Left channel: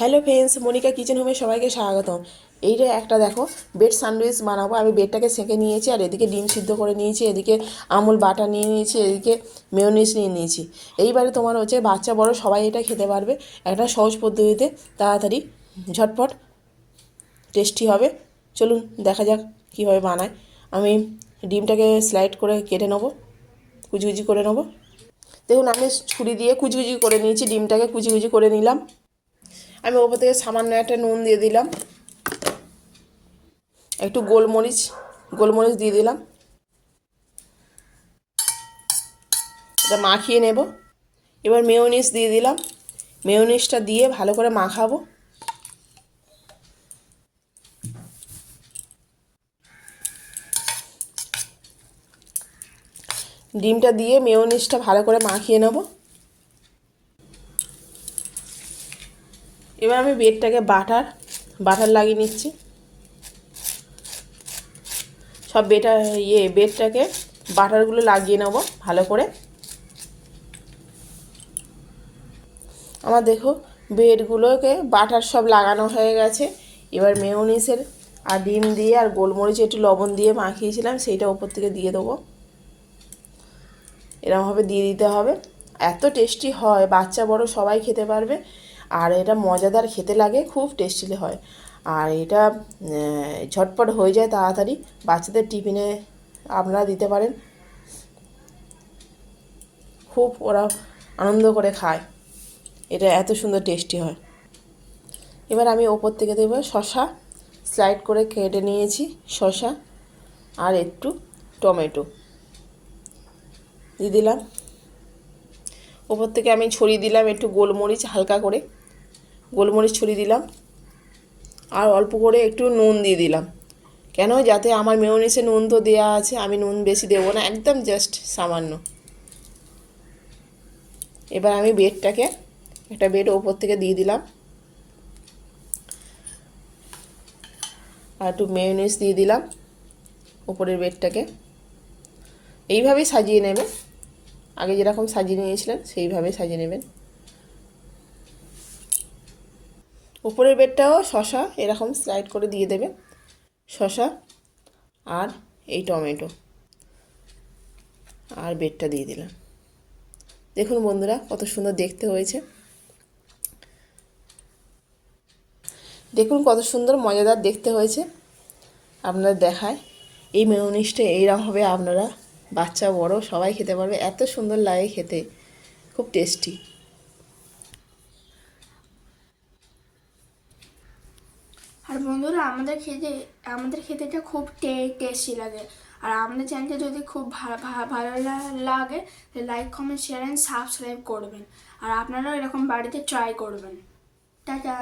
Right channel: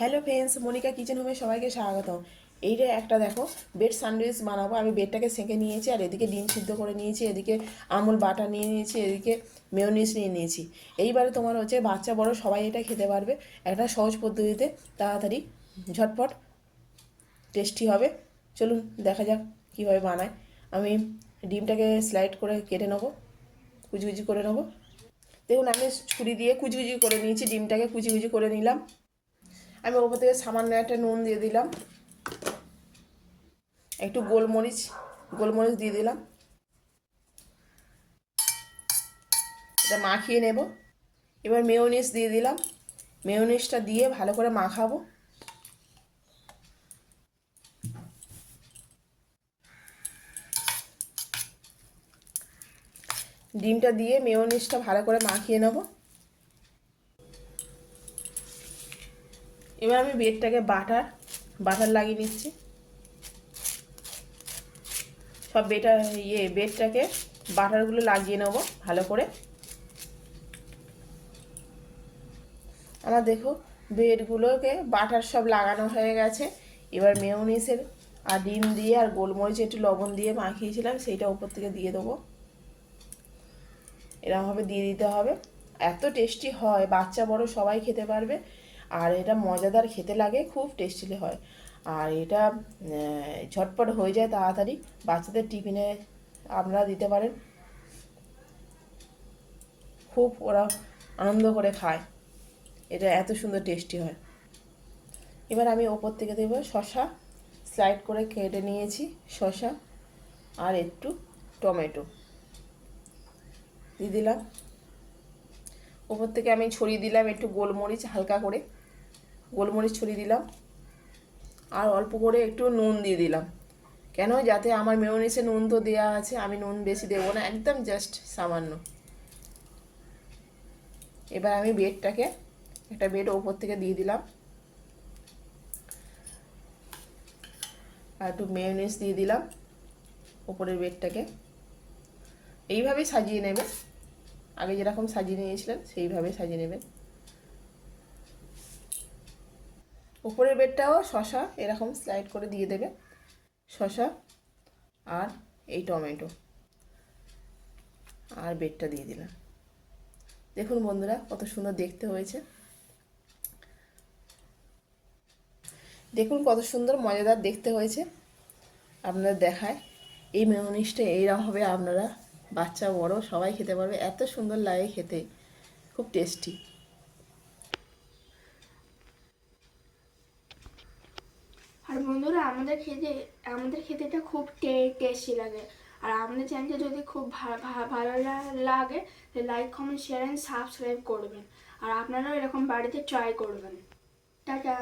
Hello friends, Monika kitchen হোমে সবাইকে স্বাগতম। এইটা একটা দেখো, বেড স্যান্ডউইচ বানাবো। আমি বেডটাকে সেঁকে নিয়েছি, আর এদিকে ডিম সিদ্ধ করে নিয়েছি, এদিকে আমুল বাটা নিয়ে নিয়েছি, এদিকে মেয়োনিজ নিয়ে নিয়েছি। এইবারে তোমার হচ্ছে বাচ্চা, বড় সবাই এটা খেতে পারবে। একটা সহজ পদ্ধতিতে তাড়াতাড়ি, ঝটপট টেস্টি হবে। চলুন দেখা যাক কীভাবে বানায়। আমি ডিমটাকে স্লাইড করে কেটে নেব, কুচি কুচি করে নেব। দেখুন, আমি ছুরি দিয়ে কুচি কুচি করে নিয়েছি, ডিমটাকে কুচি কুচি করে নিলাম। আমি ওপর থেকে সামান্য একটা নুন দিয়ে দিলাম। একটু গোলমরিচ গোলমরিচ দিয়ে দিলাম। এটা মাখিয়ে নেব। এবার মেয়োনিজ দিয়ে দিলাম। মেয়োনিজটা দিয়ে ভালো করে মাখাবো। ডিমটা দিয়ে মেয়োনিজটা ভালো করে মাখিয়ে নেব। এবার আমি বেডটাকে বাটার বাটার লাগিয়ে নিচ্ছি। সব বেটা ইয়ে বেডটাকে বাটারগুলো লাগিয়ে নেব ভালো করে। আমার দেখো, বেডগুলোকে বাটার সব লাগানো হয়ে গেছে। এবার মেয়নিসের আর ডিম দিয়ে আর গোলমরিচ, একটু লবণ দিয়ে মাখিয়েছিলাম, সেইটা ওপর থেকে দিয়ে দেবো। এরকমভাবে দিয়ে দিতে হবে। এত টেস্টি হয়, বাচ্চা বড় সবাই খেতে পারবে। আর এটা মজাদার খেতে লাগে, খুব টেস্টি হয়। আর এটা ঝটপট হয়ে যায় তাড়াতাড়ি, বাচ্চাদের টিফিনে আপনারা দিতে পারেন। খুব ওরা আনন্দ করে খায়। এটা এত সুন্দর টেস্টি হয়। এবার আমি ওপর থেকে দেবো শশা স্লাইড করে কেটে নিয়েছি শশা আর একটু টমেটো। দিয়ে দিলাম। ওপর থেকে আমি ছড়িয়ে দিলাম একটু গোলমরিচ হালকা করে। গোলমরিচ ছড়িয়ে দিলাম। আর অল্প করে একটু নুন দিয়ে দিলাম। কেন? যাতে আমার মেয়নিসে নুন তো দেওয়া আছে, আমি নুন বেশি দেবো না, একদম জাস্ট সামান্য। এবার আমি বেডটাকে, একটা বেড ওপর থেকে দিয়ে দিলাম। আর একটু মেয়নিস দিয়ে দিলাম ওপরের বেডটাকে। এইভাবেই সাজিয়ে নেবেন। আগে যেরকম সাজিয়ে নিয়েছিলেন, সেইভাবেই সাজিয়ে নেবেন। উপরের বেডটাও শশা এরকম স্লাইড করে দিয়ে দেবে। শশা আর এই টমেটো। আর বেডটা দিয়ে দিলাম। দেখুন বন্ধুরা, কত সুন্দর দেখতে হয়েছে। দেখুন কত সুন্দর মজাদার দেখতে হয়েছে। আপনারা দেখায়। এই মেয়নিসটা এইরকম হবে। আপনারা বাচ্চা, বড় সবাই খেতে পারবে। এত সুন্দর লাগে খেতে। খুব টেস্টি। বন্ধুরা, আমাদের খেতে আমাদের খেতে এটা খুব টেস্টি লাগে। আর আমাদের চ্যানেলটা যদি খুব ভালো লাগে like comment share and subscribe করবেন। আর আপনারাও এরকম বাড়িতে ট্রাই করবেন। টাটা!